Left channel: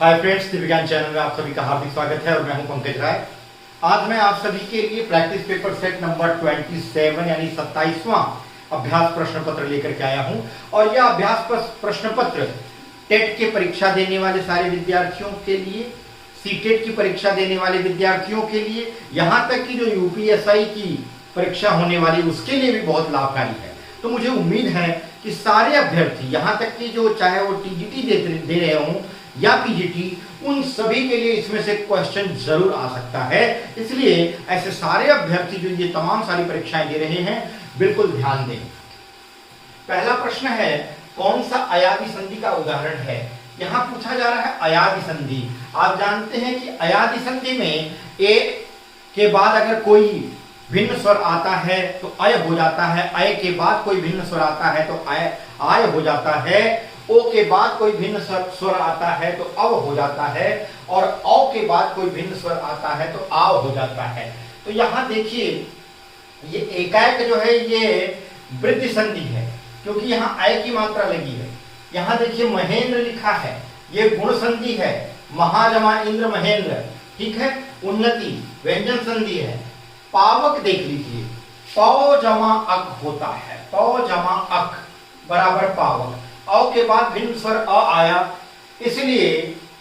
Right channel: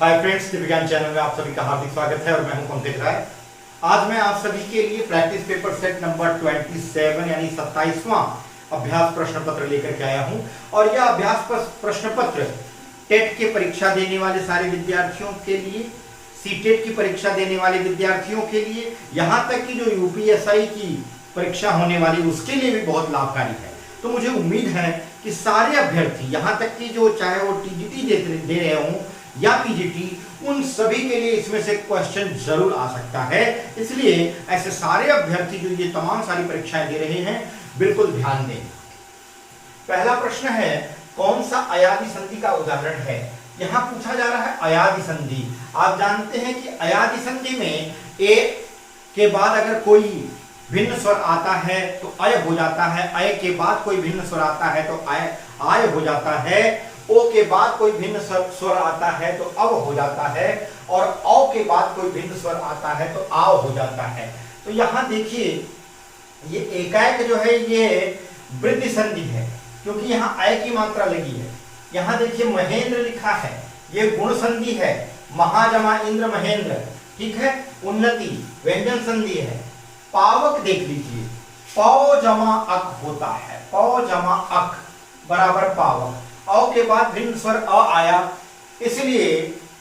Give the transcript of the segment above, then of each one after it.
Hi friends, दिव्यज्ञान channel में आप सभी का हार्दिक स्वागत है और मैं हूं पंकज राय। आज मैं आप सभी के लिए प्रैक्टिस पेपर सेट नंबर 27 यानी 27वां अभ्यास प्रश्न पत्र लेकर के आया हूं। और यह अभ्यास प्रश्न पत्र टेट की परीक्षा देने वाले सारे विद्यार्थियों के लिए, सीटेट की परीक्षा देने वाले विद्यार्थियों के लिए, यहाँ तक कि जो यूपीएसआई की परीक्षा होने वाली उसके लिए भी बहुत लाभकारी है। तो मुझे उम्मीद है कि सारे अभ्यर्थी, यहाँ तक कि जो चाहे वो टीजीटी दे रहे हों या पीजीटी, उन सभी के लिए इसमें से क्वेश्चन जरूर आ सकता है। इसलिए ऐसे सारे अभ्यर्थी जो ये तमाम सारी परीक्षाएं दे रहे हैं, बिल्कुल ध्यान दें। पहला प्रश्न है, कौन सा अयादी संधि का उदाहरण है? यहां पूछा जा रहा है अयादी संधि। आप जानते हैं कि अयादी संधि में ए के बाद अगर कोई भिन्न स्वर आता है तो अय हो जाता है, अय के बाद कोई भिन्न स्वर आता है तो आय हो जाता है, ओ के बाद कोई भिन्न स्वर आता है तो अव हो जाता है, और औ के बाद कोई भिन्न स्वर आता है तो आव हो जाता है। तो यहां देखिए, ये एकाएक जो है ये वृद्धि संधि है, क्योंकि यहां अय की मात्रा लगी है। यहां देखिए महेंद्र लिखा है, ये गुण संधि है, महाजमा इंद्र महेंद्र, ठीक है। उन्नति व्यंजन संधि है। पावक देख लीजिए, पौ जमा अक होता है, पौ जमा अक बराबर पावक। औ के बाद भिन्न स्वर अ आया, इसलिए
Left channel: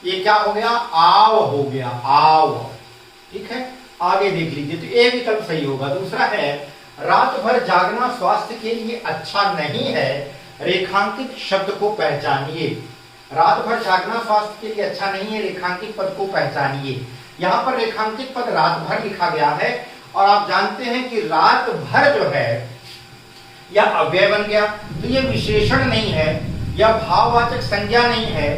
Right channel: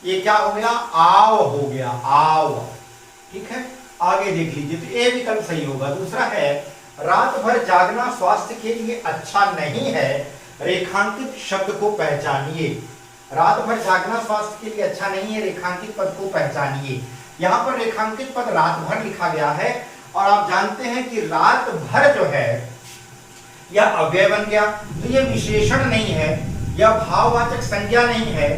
ये क्या हो गया? आव हो गया, आव, ठीक है। आगे देख लीजिए, तो ए विकल्प सही होगा। दूसरा है, रात भर जागना स्वास्थ्य के लिए अच्छा नहीं है, रेखांकित शब्द को पहचानिए। रात भर जागना स्वास्थ्य के लिए अच्छा नहीं है, रेखांकित पद को पहचानिए। यहां पर रेखांकित पद रात भर लिखा गया है, और आप जानते हैं कि रात भर जो है यह अव्यय बन गया, तो यह विशेषण नहीं है, यह भाववाचक संज्ञा नहीं है,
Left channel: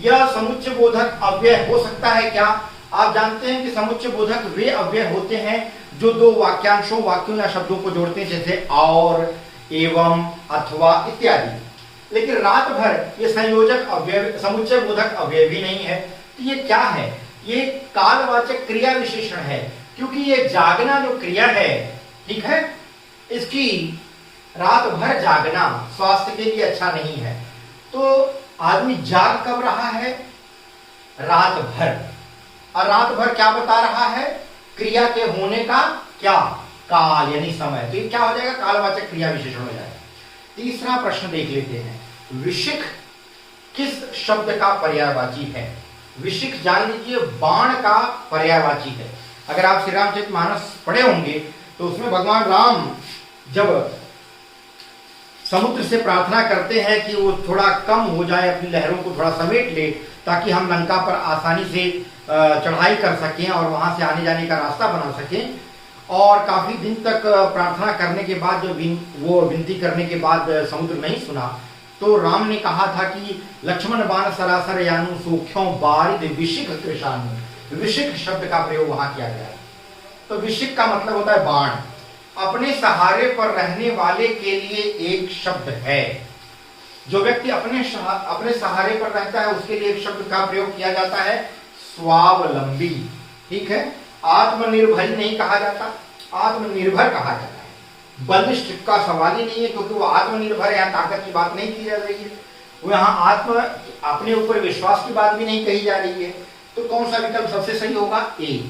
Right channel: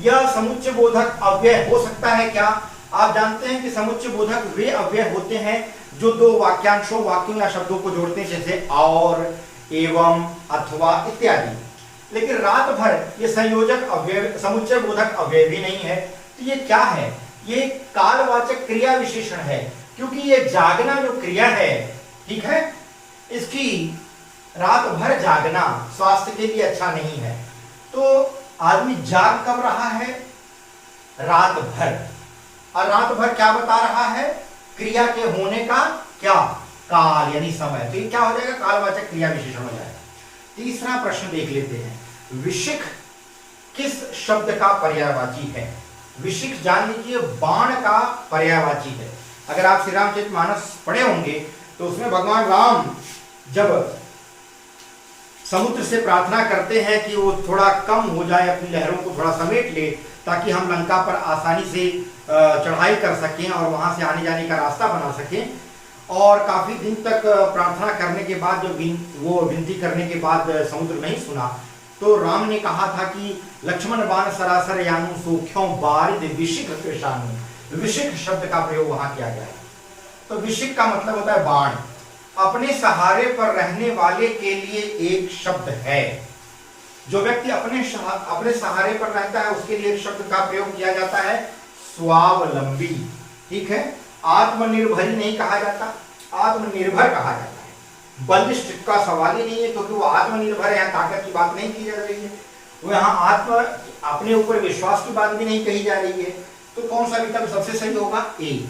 यह समुच्चय बोधक अव्यय हो सकता है क्या? आप जानते हैं कि समुच्चय बोधक वे अव्यय होते हैं जो दो वाक्यांशों, वाक्यों या शब्दों को जोड़ते हैं, जैसे और, एवं, अथवा इत्यादि। लेकिन रात भर ये संयोजक अव्यय, समुच्चय बोधक अव्यय भी नहीं है। तो ये क्या है? ये कालवाचक क्रिया विशेषण है, क्योंकि ये जागना जो क्रिया है, ठीक है, इसकी रात भर जागना स्वास्थ्य के लिए अच्छा नहीं है। तो आदमी जाग कब रहा है? रात भर। और रात भर क्या बता रहा है? क्रिया के होने का क्या? काल यानी समय। तो ये क्या हो जाएगा? कालवाचक क्रिया विशेषण हो जाएगा। तीसरा प्रश्न देख लेते हैं, विशिख किस शब्द का पर्यायवाची है? विशिख जान लीजिए बाण का पर्यायवाची है। अगर आप श्री रामचरितमानस पढ़े होंगे तो उसमें भगवान राम जब समुद्र से प्रार्थना करते हैं कि वो थोड़ा कम हो जाए, अपनी लहरों को थोड़ा समेट ले, ताकि हम लंका पर आसानी से चढ़ाई कर सकें और वहां से आने जाने का रास्ता बना सकें। और काफी दिन तक प्रार्थना करने के बाद जो वो विनती करने के बाद समुद्र नहीं सुना, तो राम ने कहा था कि लक्ष्मण बाण सरासर यानु सूख्यों बारिद विशिख कृशानु। विशिख शब्द का प्रयोग वहां किया गया है। तो विशिख का मतलब होता है बाण। अपने सहारे पर रहने वाले के लिए एक शब्द है। जो व्यक्ति अपने सहारे पर रहता है उसके लिए एक शब्द का प्रयोग किया जाता है, स्वावलंबी, ठीक है। आत्मनिर्भरी नहीं कहा जाता, आत्मनिर्भर कहा जाता है। बलिष्ठ का सवाल ही नहीं है, क्योंकि वो आत्मनिर्भर है, ताकत की बात नहीं की जा रही है, वो यहाँ अपने ऊपर विश्वास की बात भी नहीं कही जा रही है। तो कौन सा विकल्प सबसे सही होगा? ए।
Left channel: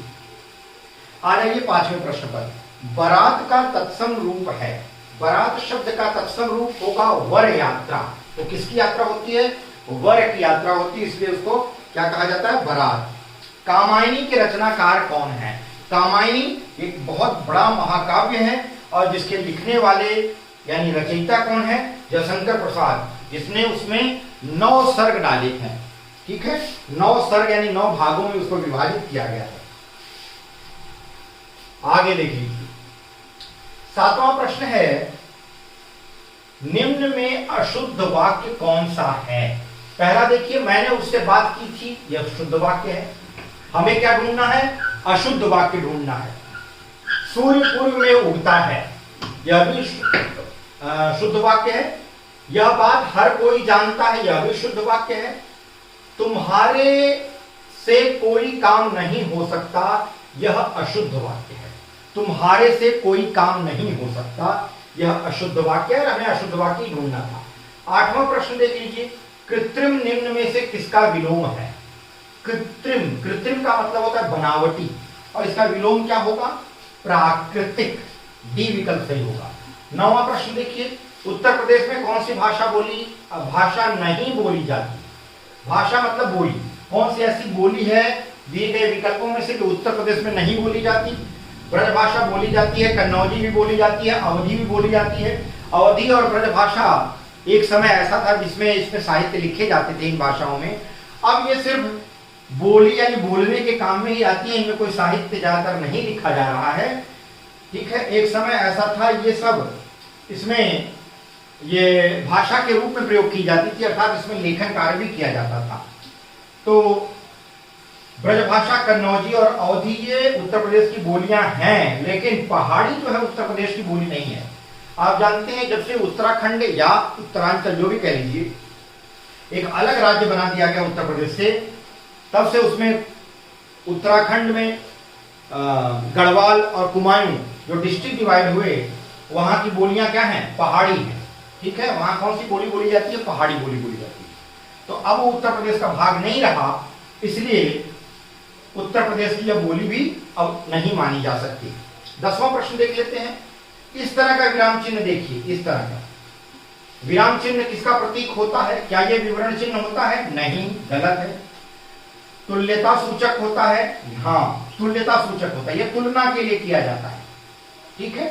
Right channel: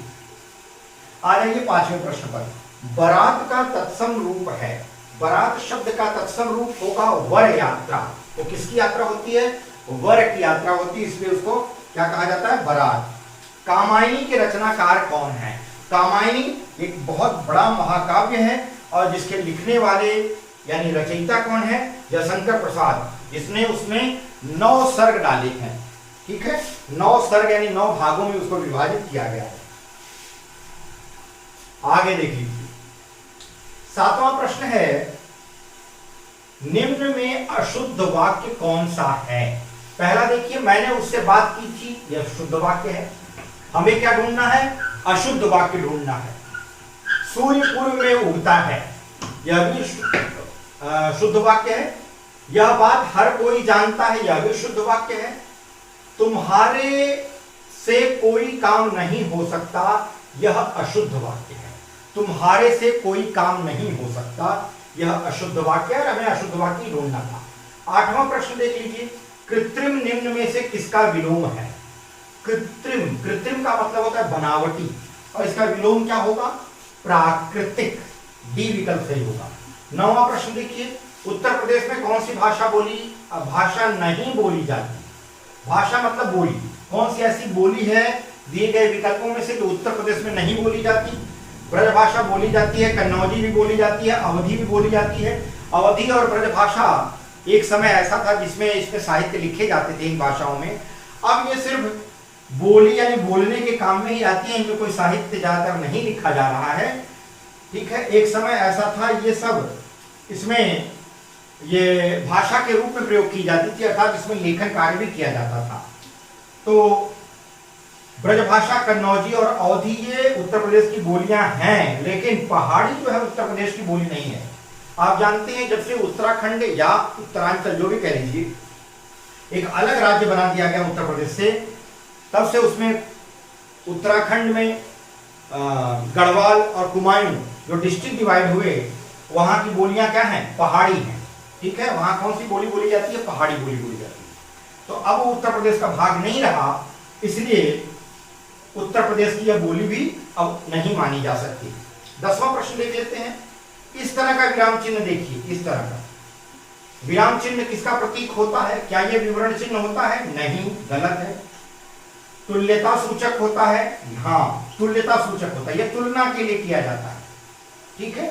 आ जाइए पांचवें प्रश्न पर। बरात का तत्सम रूप है। बरात शब्द का तत्सम रूप होगा वर यात्रा। तो किसकी यात्रा होती है? वर की यात्रा होती है, इसलिए उसको क्या कहा जाता है? बरात। कामायनी के रचनाकार कौन है? कामायनी एक बहुत बड़ा महाकाव्य है, और जिसके लिखने वाले यानी रचयिता कौन है? जयशंकर प्रसाद, जिसने उसमें 9 सर्ग डाले हैं, ठीक है। 9 सर्ग यानी 9 भागों में उसको विभाजित किया गया है। आगे देख लीजिए, 7वां प्रश्न है, निम्न में अशुद्ध वाक्य कौन सा है? पहला देखिए, मैंने उससे बात की थी, यह शुद्ध वाक्य है। हमें क्या ढूंढना है? अशुद्ध वाक्य ढूंढना है। सूर्य पूर्व में उगता है, यह भी शुद्ध वाक्य है। यह बात हर कोई जानता है, यह भी शुद्ध वाक्य है। तुम्हारे से कोई काम नहीं हो सकता, यह अशुद्ध वाक्य है। तुम्हारे से कोई काम नहीं हो सकता, यह अशुद्ध वाक्य है, हमें अशुद्ध वाक्य ढूंढना था। 8वां प्रश्न देख लीजिए, कृत्रिम निम्न में से किसका विलोम है? कृत्रिम, कृत्रिम का मतलब होता है बनावटी, और इसका विलोम क्या होगा? प्राकृतिक। डी विकल्प सही होगा। 9वां प्रश्न देखिए, उत्तर प्रदेश में कौन सी भाषा नहीं बोली जाती? भाषा मतलब बोली, कौन सी ऐसी बोली है दिए गए विकल्पों में से जो उत्तर प्रदेश में नहीं बोली जाती? ब्रजभाषा बोली जाती है, कन्नौजी भी बोली जाती है, अवधी भी बोली जाती है। अवधी और ब्रजभाषा एक समय ऐसा था जिसमें इसमें साहित्य लिखे जाते थे इन भाषाओं में। अब ये सिर्फ बोली यानी बोलने के काम में ही आती है, इनमें कोई साहित्य ज्यादातर नहीं लिखा जा रहा है। ठीक है, एक समय ऐसा था ये सब इसमें ये भाषा के रूप में प्रयोग की जाती थी, अर्थात इसमें लेखन कार्य भी किया जाता था। तो ब्रजभाषा, कन्नौजी और अवधी ये उत्तर प्रदेश की बोलियां हैं, लेकिन पहाड़ी जो है उत्तर प्रदेश की बोली नहीं है। आप जानते हैं जब से उत्तराखंड या उत्तरांचल जो भी कह लीजिए एक अलग राज्य बना दिया गया उत्तर प्रदेश से, तब से उसमें उत्तराखंड में गढ़वाल और कुमायूं जो डिस्ट्रिक्ट डिवाइड हुए, वहां की बोलियां क्या हैं? पहाड़ी हैं। ठीक है, वहां कौन सी बोली बोली जाती है? पहाड़ी बोली बोली जाती है। तो अब वो उत्तर प्रदेश का भाग नहीं रहा, इसलिए उत्तर प्रदेश की यह बोली भी अब नहीं मानी जा सकती। 10वां प्रश्न देख लेते हैं। इस तरह का विराम चिन्ह देखिए, इस तरह का विराम चिन्ह किसका प्रतीक होता है? क्या यह विवरण चिन्ह होता है? नहीं, गलत है। तुल्यता सूचक होता है? हाँ, तुल्यता सूचक होता है, यह तुलना के लिए किया जाता है। ठीक है,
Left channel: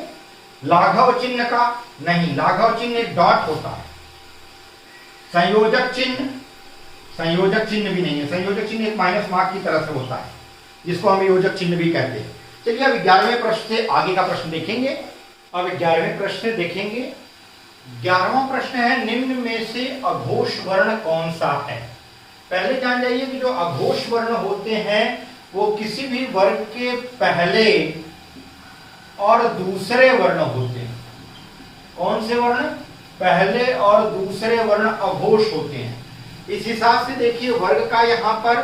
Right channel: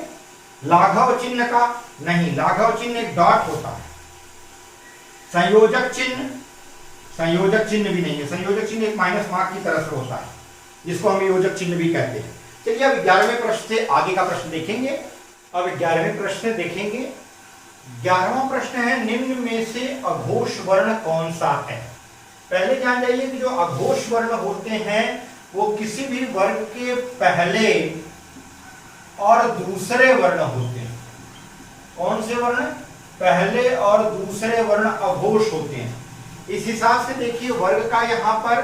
लाघव चिन्ह का? नहीं, लाघव चिन्ह एक डॉट होता है। संयोजक चिन्ह? संयोजक चिन्ह भी नहीं है, संयोजक चिन्ह एक माइनस मार्क की तरह से होता है, जिसको हम योजक चिन्ह भी कहते हैं। चलिए अब 11वें प्रश्न से आगे का प्रश्न देखेंगे। अब 11वें प्रश्न से देखेंगे। 11वां प्रश्न है, निम्न में से अघोष वर्ण कौन सा है? पहले जान जाइए कि जो अघोष वर्ण होते हैं वो किसी भी वर्ग के पहले और दूसरे वर्ण होते हैं। कौन से वर्ण? पहले और दूसरे वर्ण अघोष होते हैं। इस हिसाब से देखिए, वर्ग का यहाँ पर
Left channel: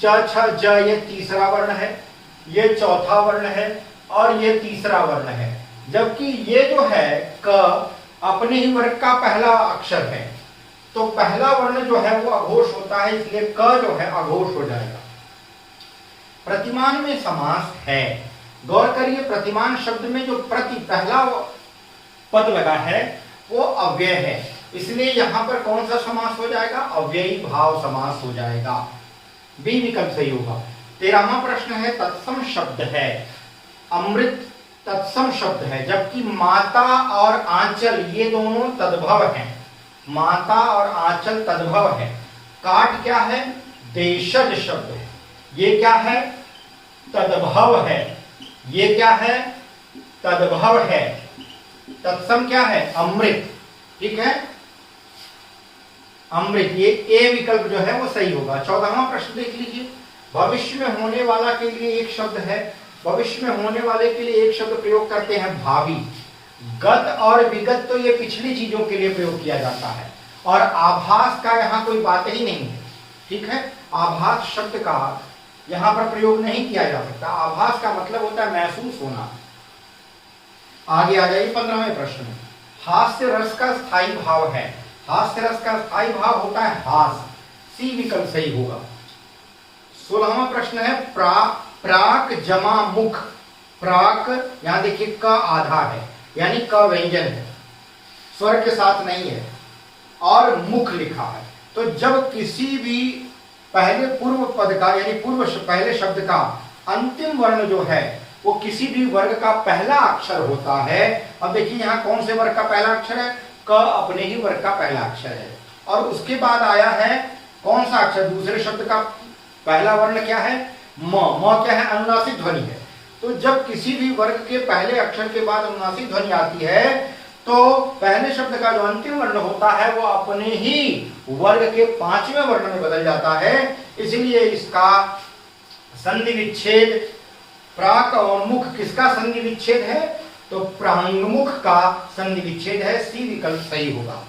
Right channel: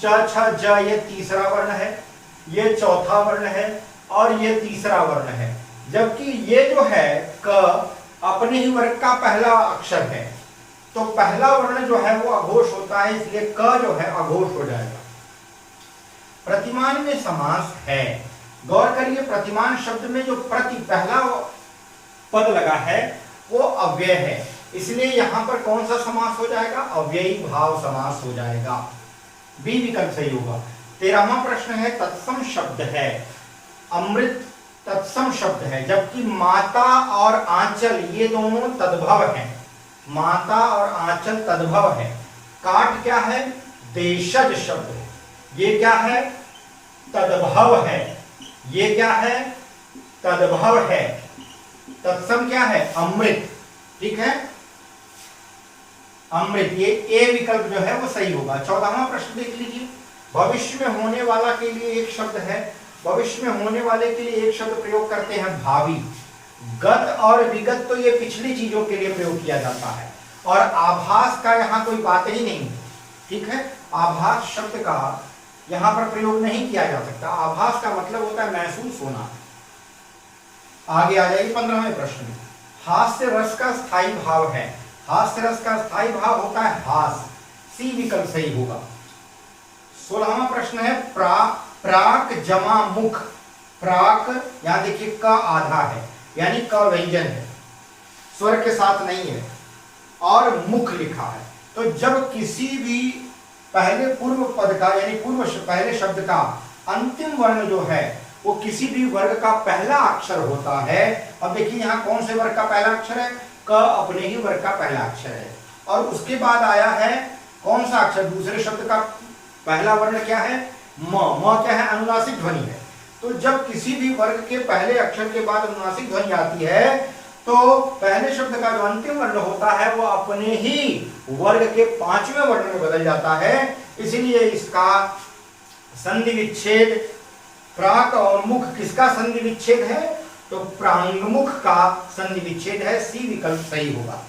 च छ ज ये तीसरा वर्ण है, ये चौथा वर्ण है और ये तीसरा वर्ण है, जबकि ये जो है क अपने ही वर्ग का पहला अक्षर है, तो पहला वर्ण जो है वो अघोष होता है, इसलिए क जो है अघोष हो जाएगा। प्रतिमान में समास है। गौर करिए, प्रतिमान शब्द में जो प्रति पहला पद लगा है वो अव्यय है, इसलिए यहां पर कौन सा समास हो जाएगा? अव्ययी भाव समास हो जाएगा। बी विकल्प सही होगा। 13वां प्रश्न है, तत्सम शब्द है। अमृत तत्सम शब्द है, जबकि माता और आंचल ये दोनों तद्भव हैं। माता और आंचल तद्भव है। काट क्या है? देशज शब्द है। ये क्या है? तद्भव है। ये क्या है? तद्भव है। तत्सम क्या है? अमृत। ठीक है, अमृत, ये ए विकल्प जो है वो सही होगा। 14वां प्रश्न देख लीजिए। भविष्य में होने वाला के लिए एक शब्द है, भविष्य में होने वाले के लिए एक शब्द प्रयोग करते हैं, भावी। गत और विगत तो ये पिछली चीजों के लिए प्रयोग किया जाता है, और आभास का यहाँ कोई बात ही नहीं है। ठीक है, आभास शब्द का यहाँ पर प्रयोग नहीं किया जा सकता। आभास का मतलब होता है महसूस होना। आगे आ जाइए 15वें प्रश्न में। हास्य रस का स्थायी भाव है। हास्य रस का स्थायी भाव होता है हास। सी विकल्प सही होगा। 16वां प्रश्न है, प्राक जमा मुख। प्राक यहां देखिए का आधा है, यानी का व्यंजन है, स्वर के साथ नहीं है, और मुख लिखा है। तो जब किसी भी पहले पूर्व पद का यानी पहले शब्द का अंतिम वर्ण जो है वो किसी भी वर्ग का पहला अक्षर होता है। अब देखिए यहाँ कौन से वर्ग का पहला अक्षर है? क अपने ही वर्ग का पहला अक्षर है, और उसके बाद आया है कौन सा अक्षर? दूसरे शब्द का पहला वर्ण क्या है? म। म क्या है? अनुनासिक ध्वनि है। तो जब किसी भी वर्ग के पहले अक्षर के बाद अनुनासिक ध्वनि आती है तो पहले शब्द का जो अंतिम वर्ण होता है वो अपने ही वर्ग के 5वें वर्ण में बदल जाता है। इसलिए इसका संधि विच्छेद प्राक और मुख किसका संधि विच्छेद है? तो प्रांगमुख का संधि विच्छेद है। सी विकल्प सही होगा।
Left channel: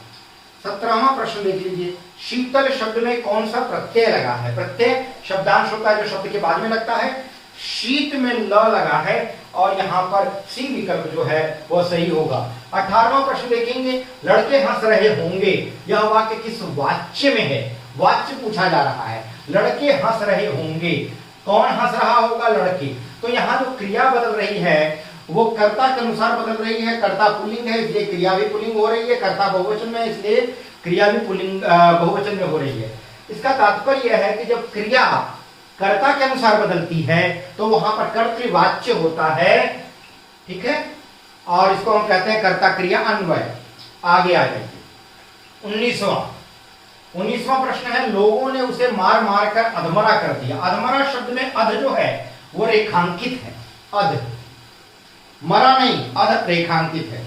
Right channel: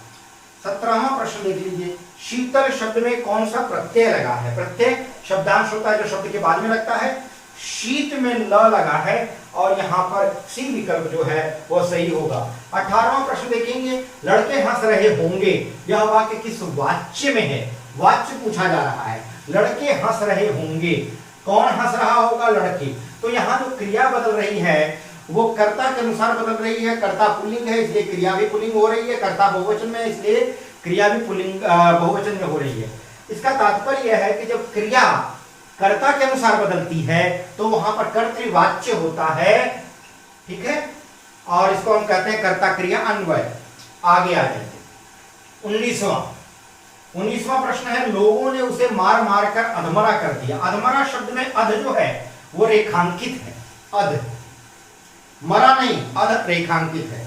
17वां प्रश्न देख लीजिए। शीतल शब्द में कौन सा प्रत्यय लगा है? प्रत्यय शब्दांश होता है जो शब्द के बाद में लगता है। शीत में ल लगा है, और यहाँ पर सी विकल्प जो है वो सही होगा। 18वां प्रश्न देखेंगे। लड़के हंस रहे होंगे, यह वाक्य किस वाच्य में है? वाच्य पूछा जा रहा है। लड़के हंस रहे होंगे। कौन हंस रहा होगा? लड़के। तो यहाँ जो क्रिया बदल रही है वो कर्ता के अनुसार बदल रही है। कर्ता पुल्लिंग है इसलिए क्रिया भी पुल्लिंग हो रही है, कर्ता बहुवचन में इसलिए क्रिया भी पुल्लिंग बहुवचन में हो रही है। इसका तात्पर्य यह है कि जब क्रिया कर्ता के अनुसार बदलती है तो वहां पर कर्तृवाच्य होता है, ठीक है, और इसको हम कहते हैं कर्ता क्रिया अन्वय। आगे आ जाइए 19वां प्रश्न है, लोगों ने उसे मार मार कर अधमरा कर दिया। अधमरा शब्द में अध जो है वो रेखांकित है, अध मरा नहीं, अध रेखांकित है।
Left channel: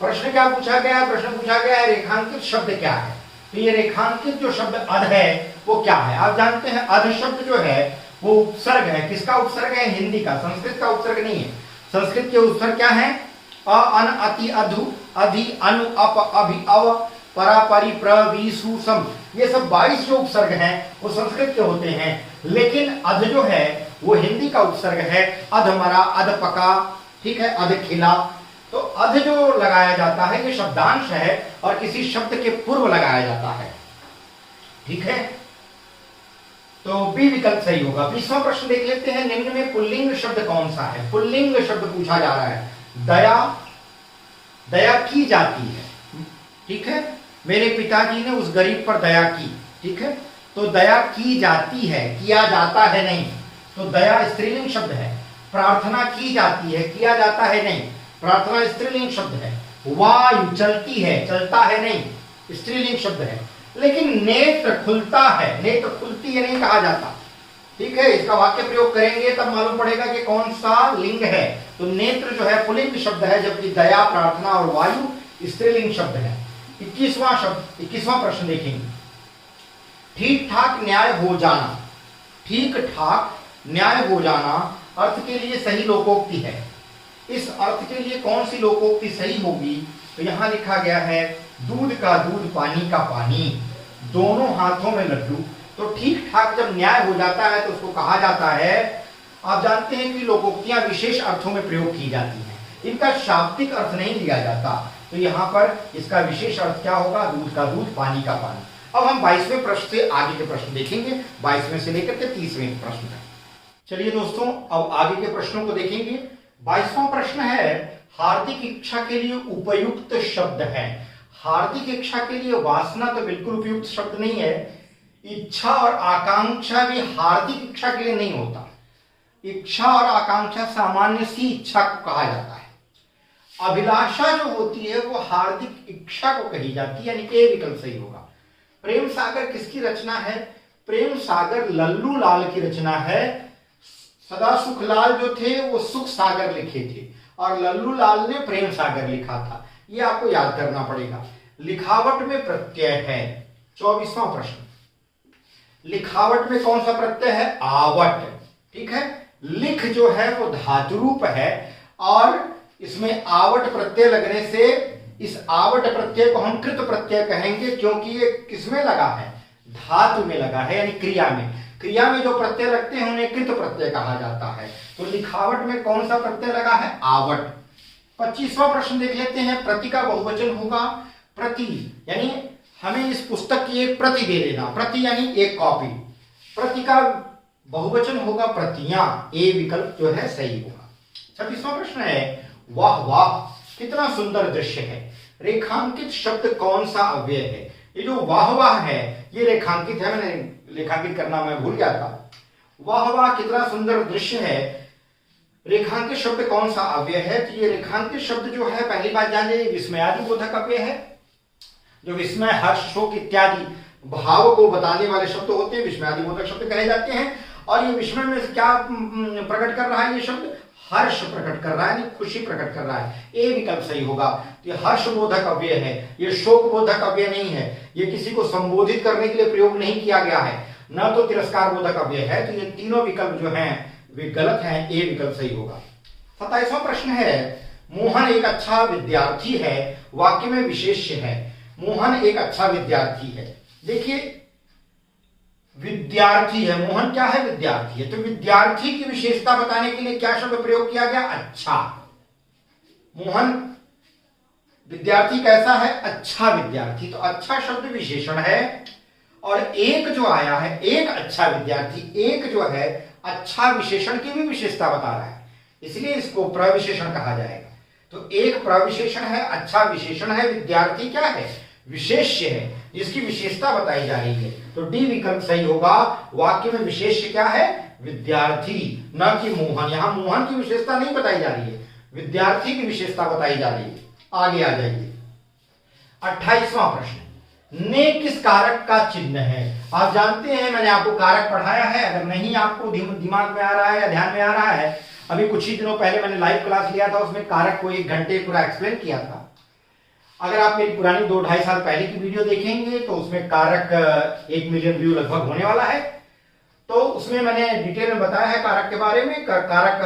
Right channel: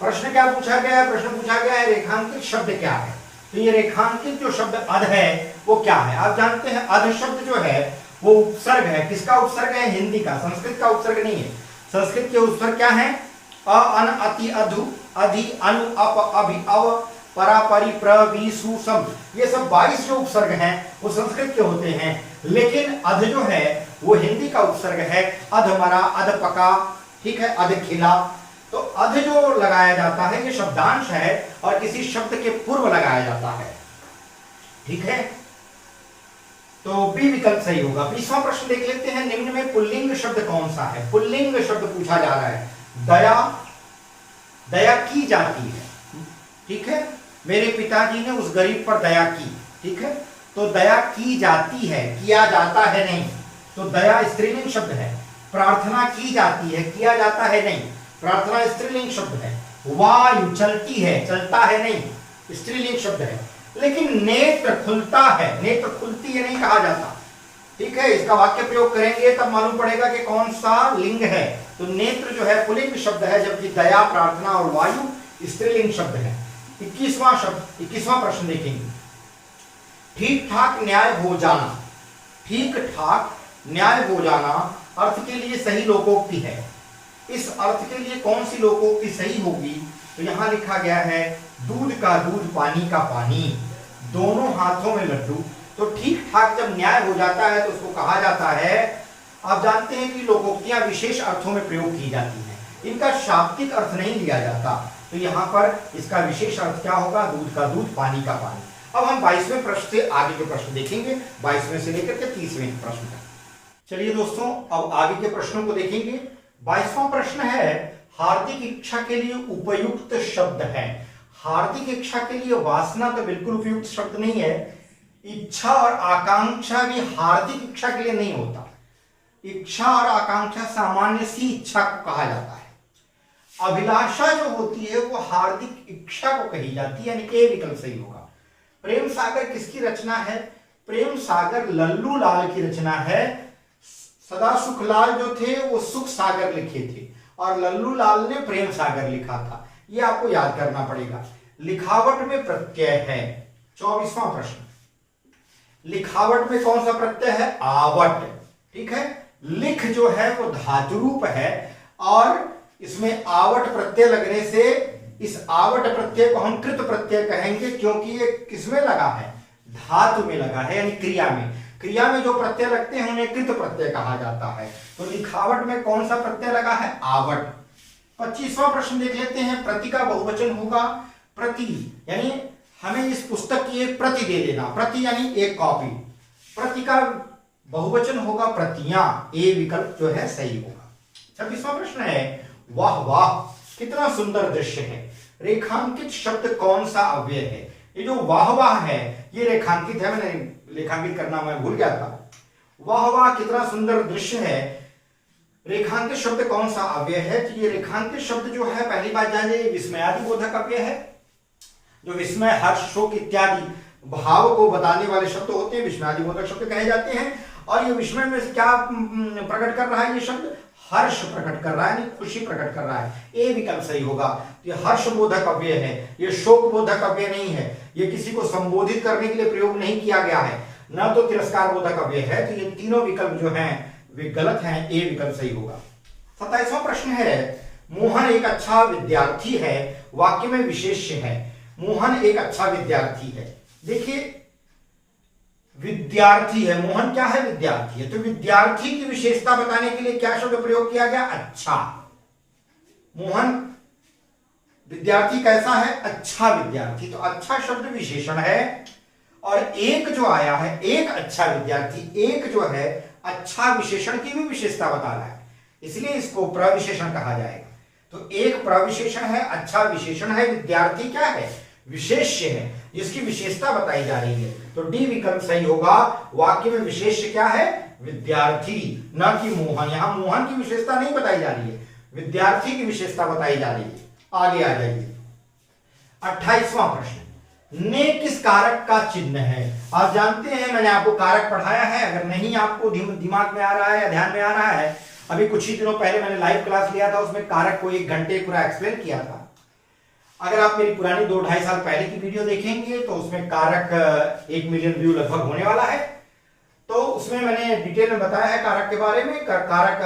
प्रश्न क्या पूछा गया है? प्रश्न पूछा गया है रेखांकित शब्द क्या है। तो ये रेखांकित जो शब्द अध है वो क्या है? आप जानते हैं अध शब्द जो है वो उपसर्ग है। किसका उपसर्ग है? हिंदी का, संस्कृत का उपसर्ग नहीं है। संस्कृत के उपसर्ग क्या है? अ, अन, अति, अधु, अधि, अनु, अप, अभि, अव, परा, परि, प्र, वि, सु, सम, ये सब 22 जो उपसर्ग हैं वो संस्कृत के होते हैं। लेकिन अध जो है वो हिंदी का उपसर्ग है। अध मरा, अध पका, ठीक है, अध खिला। तो अध जो लगाया जाता है ये शब्दांश है और किसी शब्द के पूर्व लगाया जाता है, ठीक है। तो बी विकल्प सही होगा। 20वां प्रश्न देख लेते हैं, निम्न में पुल्लिंग शब्द कौन सा है? पुल्लिंग शब्द पूछा जा रहा है। दया, दया की जाती है, ठीक है। मेरे पिताजी ने उस गरीब पर दया की, ठीक है। तो दया की जाती है, किया जाता है नहीं। तो दया स्त्रीलिंग शब्द है। प्रार्थना की जाती है, किया जाता है नहीं। प्रार्थना स्त्रीलिंग शब्द है। वायु चलती है, चलता है नहीं, स्त्रीलिंग शब्द है। लेकिन नेत्र खुलता है, नेत्र खुलती है नहीं कहा जाता, ठीक है। इसका वाक्य प्रयोग करेंगे तब मालूम पड़ेगा कि कौन सा लिंग है। तो नेत्र जो है पुल्लिंग शब्द है, जबकि दया, प्रार्थना और वायु स्त्रीलिंग शब्द है। 21वां प्रश्न देखेंगे, ठीक ठाक न्याय हो जाना। ठीक ठाक न्याय हो जाना अर्थ के लिए सही लोकोक्ति है। इस अर्थ के लिए कौन सी लोकोक्ति सही होगी? तो यहां लिखा गया है, दूध का दूध, पानी का पानी, दोनों हाथों में लड्डू। तो ठीक ठाक जब न्याय हो जाता है तो उसको कहा जाता है, आप जानते हैं कि लोकोक्तियां विशेष अर्थों में प्रयोग की जाती हैं, इनका शाब्दिक अर्थ नहीं लिया जाता। तो यहाँ पर इसका विशेष अर्थ क्या होगा? दूध का दूध, पानी का पानी। अब हम 22वें प्रश्न से आगे के प्रश्न देखेंगे, 22वें से लेकर के 30वें प्रश्न तक। चलिए दोस्तों, अब आगे के प्रश्नों को देखेंगे। 22वां प्रश्न है, हार्दिक इच्छा के लिए उपयुक्त शब्द है। हार्दिक इच्छा के लिए वासना तो बिल्कुल उपयुक्त शब्द नहीं है। इच्छा और आकांक्षा भी हार्दिक इच्छा के लिए नहीं होता। इच्छा और आकांक्षा सामान्य सी इच्छा को कहा जाता है। अभिलाषा जो होती है वो हार्दिक इच्छा को कही जाती है, यानी कि ए विकल्प सही होगा। प्रेम सागर किसकी रचना है? प्रेम सागर लल्लू लाल की रचना है। सदा सुखलाल जो थे वो सुख सागर लिखे थे और लल्लू लाल ने प्रेम सागर लिखा था। ये आपको याद करना पड़ेगा। लिखावट में प्रत्यय है। 24वां प्रश्न, लिखावट में कौन सा प्रत्यय है? आवट, ठीक है। लिख जो है वो धातु रूप है और इसमें आवट प्रत्यय लगने से इस आवट प्रत्यय को हम कृत प्रत्यय कहेंगे, क्योंकि ये किसमें लगा है? धातु में लगा है, यानी क्रिया में। क्रिया में जो प्रत्यय लगते हैं उन्हें कृत प्रत्यय कहा जाता है। तो लिखावट में कौन सा प्रत्यय लगा है? आवट। 25वां प्रश्न देख लेते हैं, प्रति का बहुवचन होगा प्रति, यानी हमें इस पुस्तक की एक प्रति दे देना। प्रति यानी एक कॉपी। प्रति का बहुवचन होगा प्रतियां। ए विकल्प जो है सही होगा। 26वां प्रश्न है, वाह वाह कितना सुंदर दृश्य है। रेखांकित शब्द कौन सा अव्यय है? ये जो वाह वाह है ये रेखांकित है, मैंने रेखांकित करना मैं भूल गया था। वाह वाह कितना सुंदर दृश्य है, रेखांकित शब्द कौन सा अव्यय है? तो ये रेखांकित शब्द जो है, पहली बात जान जाइए, विस्मयादि बोधक अव्यय है। जो विस्मय, हर्ष, शोक इत्यादि भाव को बताने वाले शब्द होते हैं विस्मयादि बोधक शब्द कहे जाते हैं। और ये विस्मय में क्या प्रकट कर रहा है? ये शब्द हर्ष प्रकट कर रहा है, खुशी प्रकट कर रहा है। ए विकल्प सही होगा। ये हर्ष बोधक अव्यय है, ये शोक बोधक अव्यय नहीं है। ये किसी को संबोधित करने के लिए प्रयोग नहीं किया गया है, न तो तिरस्कार बोधक अव्यय है। तो ये तीनों विकल्प जो हैं वे गलत हैं। ए विकल्प सही होगा। 27वां प्रश्न है, मोहन एक अच्छा विद्यार्थी है, वाक्य में विशेष्य है। मोहन एक अच्छा विद्यार्थी है। देखिए विद्यार्थी है, मोहन क्या है? विद्यार्थी है। तो विद्यार्थी की विशेषता बताने के लिए क्या शब्द प्रयोग किया गया? अच्छा। मोहन विद्यार्थी कैसा है? अच्छा विद्यार्थी। तो अच्छा शब्द विशेषण है और एक जो आया है, एक अच्छा विद्यार्थी, एक जो है अच्छा विशेषण की भी विशेषता बता रहा है, इसलिए इसको प्रविशेषण कहा जाएगा। तो एक प्रविशेषण है, अच्छा विशेषण है, विद्यार्थी क्या है, विशेष्य है, जिसकी विशेषता बताई जा रही है। तो डी विकल्प सही होगा। वाक्य में विशेष्य क्या है, विद्यार्थी, न कि मोहन। यहां मोहन की विशेषता नहीं बताई जा रही है, विद्यार्थी की विशेषता बताई जा रही है। आगे आ जाइए, 28वां प्रश्न, ने किस कारक का चिन्ह है। आप जानते हैं, मैंने आपको कारक पढ़ाया है, अगर नहीं आपको दिमाग में आ रहा है या ध्यान में आ रहा है, अभी कुछ ही दिनों पहले मैंने लाइव क्लास लिया था, उसमें कारक को 1 घंटे पूरा एक्सप्लेन किया था। अगर आप मेरी पुरानी 2-2.5 साल पहले की वीडियो देखेंगे तो उसमें कारक 1 मिलियन व्यू लगभग होने वाला है। तो उसमें मैंने डिटेल में बताया है कारक के बारे में, कारक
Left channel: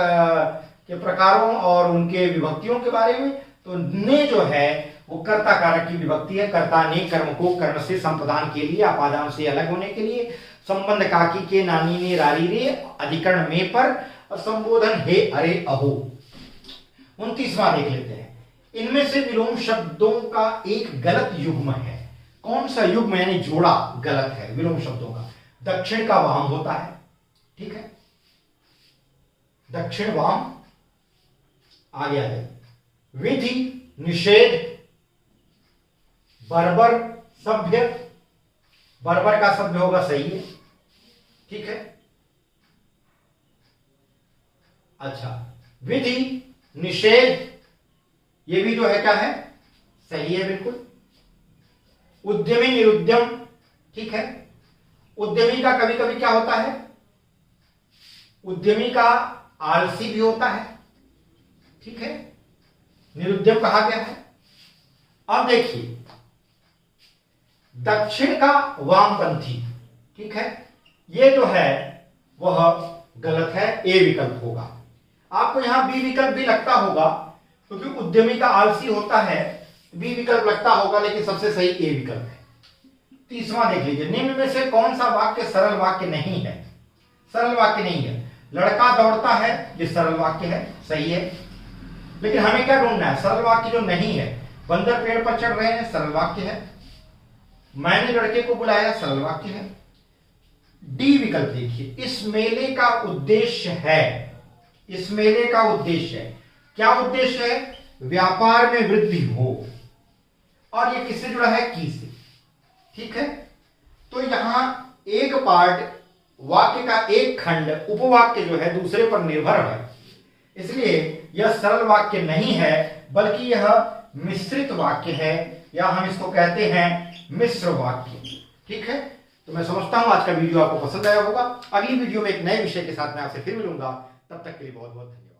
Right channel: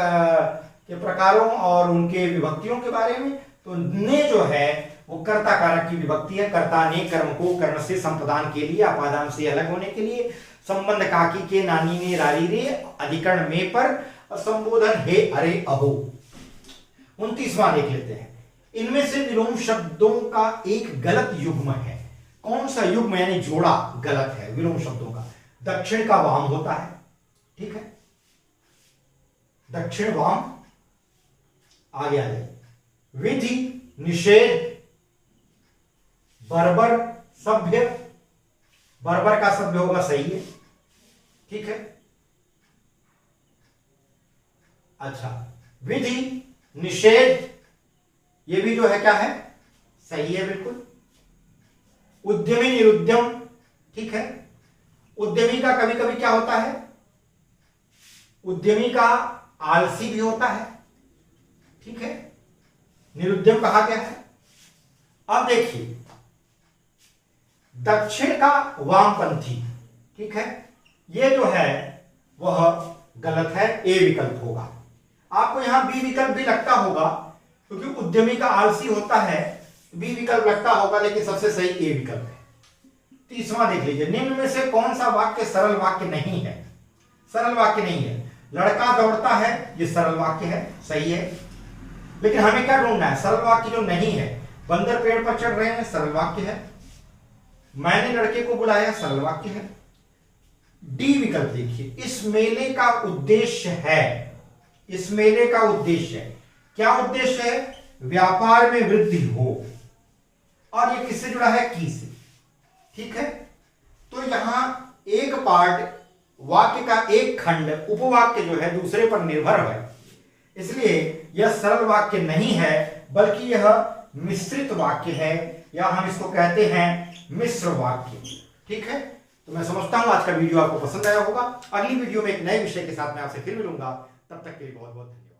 के प्रकारों और उनके विभक्तियों के बारे में। तो ने जो है वो कर्ता कारक की विभक्ति है। कर्ता ने कर्म को कर्ण से संप्रदान के लिए, अपादान से अलग होने के लिए, संबंध काकी के, नानी ने, रारी रे, अधिकरण में पर, और संबोधन हे, अरे, अहो। 29वां देख लेते हैं, इनमें से विलोम शब्दों का एक गलत युग्म है। कौन सा युग्म यानी जोड़ा गलत है विलोम शब्दों का। दक्षिण का वाम होता है, ठीक है, दक्षिण वाम। आगे आ जाए, विधि, निषेध, बर्बर, सभ्य। बर्बर का सभ्य होगा, सही है, ठीक है। अच्छा, विधि, निषेध, ये भी जो है क्या है, सही है, बिल्कुल। उद्यमी, निरुद्यम, ठीक है। उद्यमी का कभी कभी क्या होता है, उद्यमी का आलसी भी होता है, ठीक है, निरुद्यम कहा गया है। अब देखिए, दक्षिण का वामपंथी, ठीक है, ये जो है वह गलत है, ए विकल्प होगा। आपको यहां बी विकल्प भी लगता होगा, क्योंकि उद्यमी का आलसी होता है, बी विकल्प लगता होगा, लेकिन सबसे सही ए विकल्प है। 30वां देख लीजिए, निम्न में से कौन सा वाक्य सरल वाक्य नहीं है। सरल वाक्य नहीं है। लड़का दौड़ता है, ये सरल वाक्य है, सही है, लेकिन हमें क्या ढूंढना है, सरल वाक्य जो नहीं है। बंदर पेड़ पर चढ़ रहे हैं, सरल वाक्य है। मैंने लड़के को बुलाया, सरल वाक्य है। डी विकल्प देखिए, इस मेले का उद्देश्य है, इस मेले का उद्देश्य है, क्या उद्देश्य है, व्यापार में वृद्धि हो, और ये किससे जुड़ा है, की से, ठीक है। तो यहां एक पार्ट वाक्य का एक खंड उपवाक्य जो है दूसरे पर निर्भर है, इसलिए यह सरल वाक्य नहीं है, बल्कि यह मिश्रित वाक्य है, या हम इसको कहते हैं मिश्र वाक्य, ठीक है। तो मैं समझता हूं आज का वीडियो आपको पसंद आया होगा। अगली वीडियो में एक नए विषय के साथ मैं आपसे फिर मिलूंगा, तब तक के लिए बहुत बहुत धन्यवाद।